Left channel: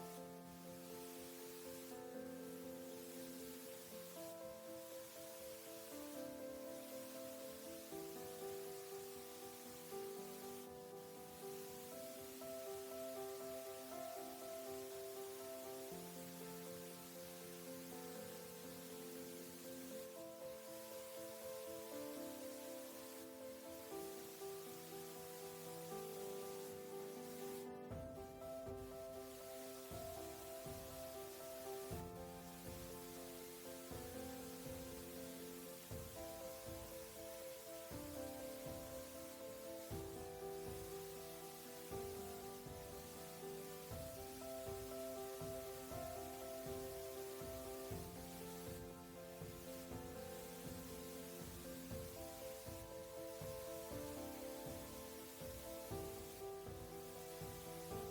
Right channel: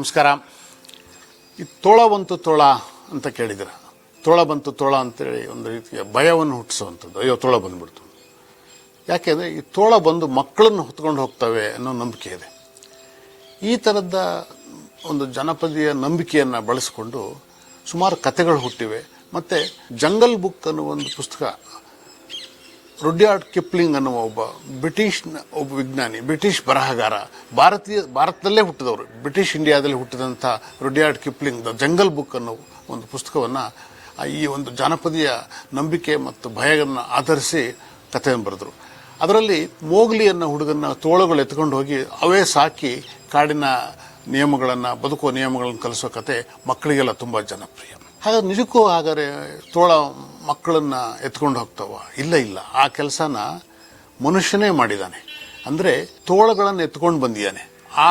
ನಮಸ್ಕಾರ. ಈ ತೋಳ ಬಂತು ತೋಳ ಅಂತ ಕೇಳಿದ್ರೆ ತೋಳ ಬಂತು ತೋಳ ಅಂತೇಳಿ ಒಂದು ರೀತಿಯ ಭಯವನ್ನು ಹುಟ್ಟಿಸುವಂಥದ್ದು. ಅಯ್ಯೋ, ತೋಳ ಬಂದುಬಿಡ್ತು. ಯಾಕೆಂದರೆ ಈ ತೋಳ ಬಂದು ಮಕ್ಕಳನ್ನು ಹೊತ್ಕೊಂಡು ಹೋಗ್ತವೆ ಅನ್ನೋ ನಂಬಿಕೆ ಇದೆ. ಈ ಥರದ ಒಂದು ಜನಪದೀಯ ನಂಬಿಕೆಯನ್ನು ಬಳಸಿಕೊಂಡು ಸುಮಾರು ಕಥೆಗಳು ಹುಟ್ಟಿವೆ. ಮತ್ತು ಜಂಗಲ್ ಬುಕ್ ಅನ್ನೋ ಒಂದು ಪುಸ್ತಕ ರುಡ್ಯಾರ್ಡ್ ಕಿಪ್ಲಿಂಗ್ ಅನ್ನುವ ಒಬ್ಬ ಬ್ರಿಟಿಷ್ ಒಬ್ಬ ವಿಜ್ಞಾನಿ, ಬ್ರಿಟಿಷ್ ಬರಹಗಾರ, ಭಾರತೀಯ, ಭಾರತದಲ್ಲೇ ಹುಟ್ಟಿದವರು, ಬ್ರಿಟಿಷ್ ಇಂಡಿಯಾದಲ್ಲಿ ಹುಟ್ಟಿದಂಥ Rudyard Kipling the jungle book ಅನ್ನೋ ಒಂದು ಪುಸ್ತಕವನ್ನು ಈ ಒಂದು ಜಾನಪದೀಯ ನಂಬಿಕೆ ಮತ್ತು ಭಯವನ್ನು ಆಧರಿಸಿ ಕಥೆಯನ್ನು ಬರೆದರು. ಅದರಲ್ಲಿ ಮೋಗ್ಲಿ ಅನ್ನೋ ಹುಡುಗನ ತೋಳುಗಳು ಎತ್ಕೊಂಡು ಹೋಗಿ ಅವೇ ಸಾಕಿ ಕಾಡಿನ ನಿಯಮಗಳನ್ನು, ಬದುಕುವ ನಿಯಮಗಳನ್ನು ಕಲಿಸೋ ಕತೆ ಮಕ್ಕಳಿಗೆಲ್ಲ ತುಂಬ ಜನಪ್ರಿಯ. ಹಾಗಾದ್ರೆ ನಿಜಕ್ಕೂ ಹಾಗಾದ್ರೆ ತೋಳ ಮಕ್ಕಳನ್ನ ಎತ್ಕೊಂಡು ಹೋಗ್ತಾವ? ಇಲ್ಲ ಇಲ್ಲ. ಆ ಕೆಲಸನ ಮನುಷ್ಯನೇ ಮಾಡಿದ್ದಾನೆ ಅಂದರೆ ತೋಳಗಳನ್ನು ಎತ್ಕೊಂಡು ಬಂದಿದ್ದಾನೆ. ಆ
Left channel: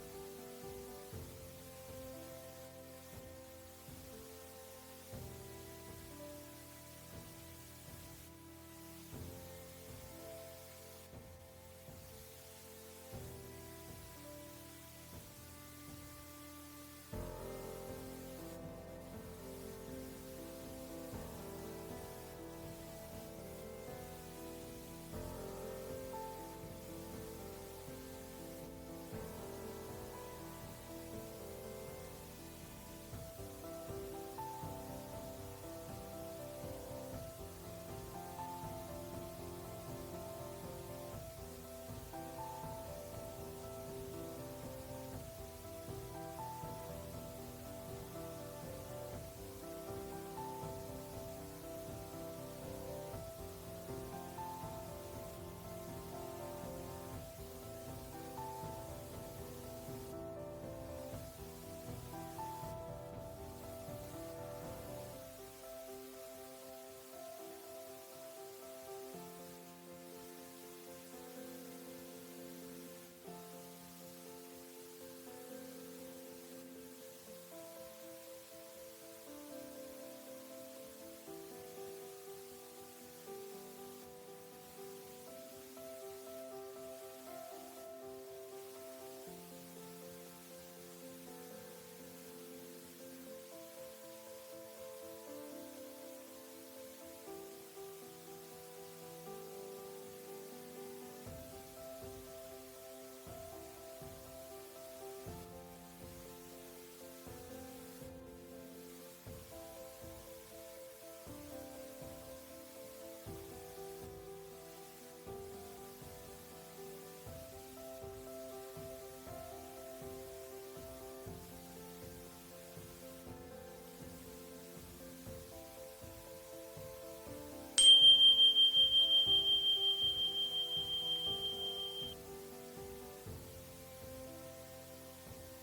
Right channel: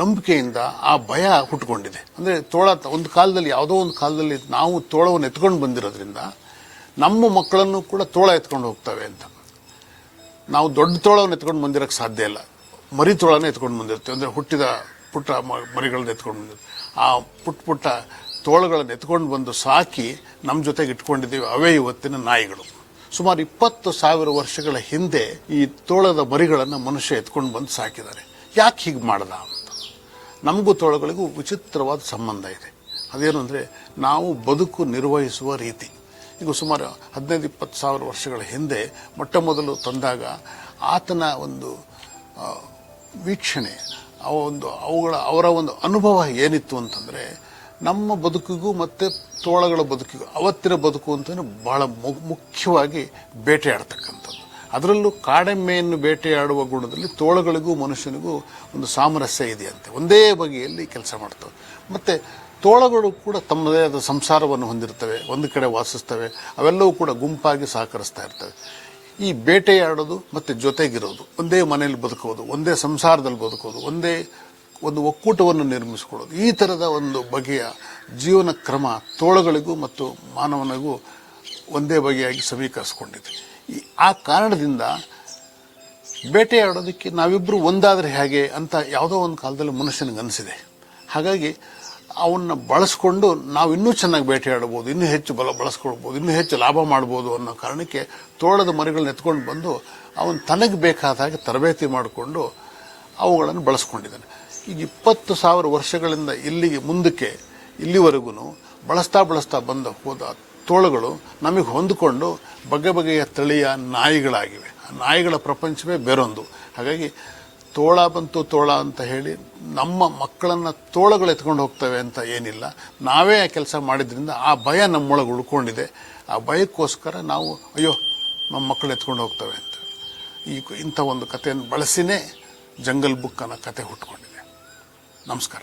ನಂಬಿಕೆಯಿಂದ ಆ ಭಯ ಹುಟ್ಟುಕೊಂಡಿದೆ ಅಂದರೆ ತೋಳ ಒಂದು ಕಾಲದಲ್ಲಿ, ಯಾವುದೋ ಒಂದು ಕಾಲದಲ್ಲಿ ನಾವು ತೋಳವನ್ನು ಎತ್ಕೊಂಡು ಬಂದಿರೋದ್ರಿಂದ ನಮ್ಮ ಮಕ್ಕಳನ್ನು ಕೂಡ ತೋಳ ಎತ್ಕೊಂಡು ಹೋಗ್ತವೆ ಅಂತ. ನಾವು ದೊಡ್ಡ ತೋಳವನ್ನು ಎತ್ಕೊಂಡು ಬಂದಿರೋಕ್ಕೆ ಸಾಧ್ಯ ಇಲ್ಲ. ಮರಿ ತೋಳನ ಎತ್ಕೊಂಡು ಬಂದಿರ್ತೀವಿ. ಅಂದರೆ ಹುಟ್ಟಿದ ಪುಟ್ಟ ಮರಿಗಳನ್ನ ಎತ್ಕೊಂಡು ಬಂದಿರ್ತೀವಿ. ಆ ಪುಟ್ಟ ಪುಟ್ಟ ತೋಳಗಳನ್ನು ಎತ್ಕೊಂಡು ಬಂದು ಸಾಕಿ ನಮ್ಮ ಜೊತೆಗೆ ಇಟ್ಕೊಂಡಿದ್ದೀವಿ ಅವೇ ಇವತ್ತಿನ ನಾಯಿಗಳು. ಸುಮಾರು ಇಪ್ಪತ್ತು ಸಾವಿರ ವರ್ಷಗಳ ಹಿಂದೆ ಈ ತೋಳದ ಮರಿಗಳನ್ನು ಮನುಷ್ಯ ಎತ್ಕೊಂಡು ಬಂದು ಸಾಕಿದ್ದಾರೆ. ಯಾಕೆ ಹೀಗೆ ಮಾಡ್ದ ಅಂತ. ನಮಗೂ ತೋಳಗಳಿಗೂ ವಿಚಿತ್ರವಾದ ಸಂಬಂಧ ಇದೆ. ಅದೇನು ಅಂದರೆ ನಾವು ಬದುಕು ನಿರ್ವಹಿಸುವ ರೀತಿ. ಈಗ ಸುಮಾರು ಹದಿನೈದು, ಇಪ್ಪತ್ತು ಸಾವಿರ ವರ್ಷಗಳ ಹಿಂದೆ ಮೊಟ್ಟ ಮೊದಲು ತಂದಾಗ ಆತನ ಒಂದು ವೀಕ್ಷಣೆ, ಅವ ಒಂದು, ಅವುಗಳ, ಅವರ ಒಂದು ಅನುಭವ ಏನಿತ್ತು ಅಂತಂದರೆ ನಮ್ಮ ಬದುಕಿಗೂ ಮತ್ತು ತೋಳಗಳ ಬದುಕಿಗೂ, ಅವತ್ತಿನ ಬದುಕು ಅಂತಲೇ ಬಹಳ ಮುಖ್ಯವಾಗಿ ಬೇಟೆಯಾಡ್ತಕ್ಕಂಥದ್ದು. ಅದರಲ್ಲೂ ಕಾಡೆಮ್ಮೆಯನ್ನು ಬೇಟೆಯಾಡುವ ಗುಣದಲ್ಲಿ ತೋಳಗಳಿಗೂ ಮನುಷ್ಯನಿಗೂ ಒಂದು ಸಾಮರಸ್ಯ ಇದೆಯಂತೆ. ಒಂದೇ ಬಗೆಯಲ್ಲಿ ಕೆಲಸ ಮಾಡ್ತವೆ. ಮತ್ತು ತೋಳಗಳು ಕೂಡ ತಮ್ಮದೇ ಆದ ಸಂಸಾರವನ್ನು ಹೊಂದಿರ್ತವೆ, ಒಂದು ಕಡೆ ವಾಸಿಸ್ತವೆ, ಅವೆಲ್ಲವೂ ಕೂಡ ಗುಂಪಾಗಿ ಸಹಕರಿಸ್ತಾ ಇರ್ತವೆ. ಈ ಬೇಟೆಯಾಡೋದು ಮತ್ತು ಜೊತೆಗಿರೋದು, ಒಂದೇ ಮನೆಯಲ್ಲಿ ಬದುಕೋದು ಒಂದೇ ಸಂಸಾರದಲ್ಲಿ ಬದುಕೋದು ಒಂದೇ ಒಂದು ಒಕ್ಕೂಟವನ್ನು ನಿರ್ಮಿಸಿಕೊಳ್ಳೋದು. ಈ ಥರದ ಒಂದು ಬಗೆಯ ಜೀವನ ಕ್ರಮ ತೋಳಗಳಿಗೂ ಮತ್ತು ಮಾನವನಿಗೂ ಒಂದೇ ಬಗೆಯಾಗಿ ಸಮೀಕರಿಸ್ಕೊಂಡಿದೆ. ಈ, ಆ ಕಾರಣದಿಂದ ಬೇಟೆಯಾಡೋದಕ್ಕೆ ನಾವಿಬ್ಬರು ಒಂದಾದರೆ ಹೇಗೆ ಅಂತ ಯಾವುದೋ ಒಂದು ಕಾಲದಲ್ಲಿ ಮನುಷ್ಯನಿಗೆ ಅನಿಸಿದೆ. ಹಾಗಾಗಿ ಅವನ್ನ ಬಳಸ್ಕೊಂಡು ನಾವು ಇನ್ನೂ ಚೆನ್ನಾಗಿ ಬೇಟೆಯಾಡಬಹುದು ಇನ್ನೂ ಹೆಚ್ಚು ಬಲ ಬಳಸ್ಕೊಳ್ಬೋದು ಇನ್ನೂ ಹೆಚ್ಚು ಲಾಭ ಮಾಡ್ಬೋದು ಅನ್ನೋ ಕಾರಣಕ್ಕೆ ತೋಳದ ಮರಿಗಳನ್ನ ಎತ್ಕೊಂಡು ಬಂದು ಅವನು ತನಗೆ ಬೇಕಾದ ಹಾಗೆ ತರಬೇತಿ ಮಾಡಿಕೊಂಡು ಅವುಗಳನ್ನು ಬಳಸ್ಕೊಂಡಿದ್ದಾನೆ. ಈಗ ಇಪ್ಪತ್ತು ಸಾವಿರ ವರ್ಷಗಳಿಂದ ಇಲ್ಲಿಗೆ ಮುಂದಕ್ಕೆ ಇಲ್ಲಿವರೆಗೂ ಬಳಸ್ತಾ ಬಳಸ್ತಾ ಬಂದ ಹೋದ ತೋಳುಗಳು ನಮಗೆ ಹೊಂದಿಕೊಂಡು ಬಗೆ ಬಗೆಯ ತಳಿಯ ನಾಯಿಗಳಾಗಿವೆ. ಆ ನಾಯಿಗಳ ಪ್ರಪಂಚವೇ ಬೇರೊಂದು. ಹಾಗಾಗಿ ತೋಳ ಬಂತು ತೋಳ ಅಂತ ಹೇಳಿ ನಮ್ಮ ಮಕ್ಕಳನ್ನು ತೋಳಗಳು ಎತ್ಕೊಂಡು ಹೋಗ್ತವೆ ಅಂತ ಏನಿಲ್ಲ. ನಾವೇ ಆ ಕೆಲಸ ಮಾಡಿದ್ರಿಂದ ಆ ಭಯ ನಮ್ಮೊಳಗೆ ಉಳ್ಕೊಂಡಿದೆ. ಆ ಭಯಕ್ಕೋಸ್ಕರ ನಾವು ಅಯ್ಯೋ, ನಮ್ಮ ಮಕ್ಕಳು ಎತ್ಕೊಂಡು ಹೋಗ್ತವೆ ಅಂತ. ಈ ಇಂಥ ಒಂದು ಕಥೆಯನ್ನು ಬಳಸಿನೇ ಜಂಗಲ್ ಬುಕ್ ಅನ್ನೋ ಕತೆ ಹುಟ್ಕೊಂಡಿದೆ. ನಮಸ್ಕಾರ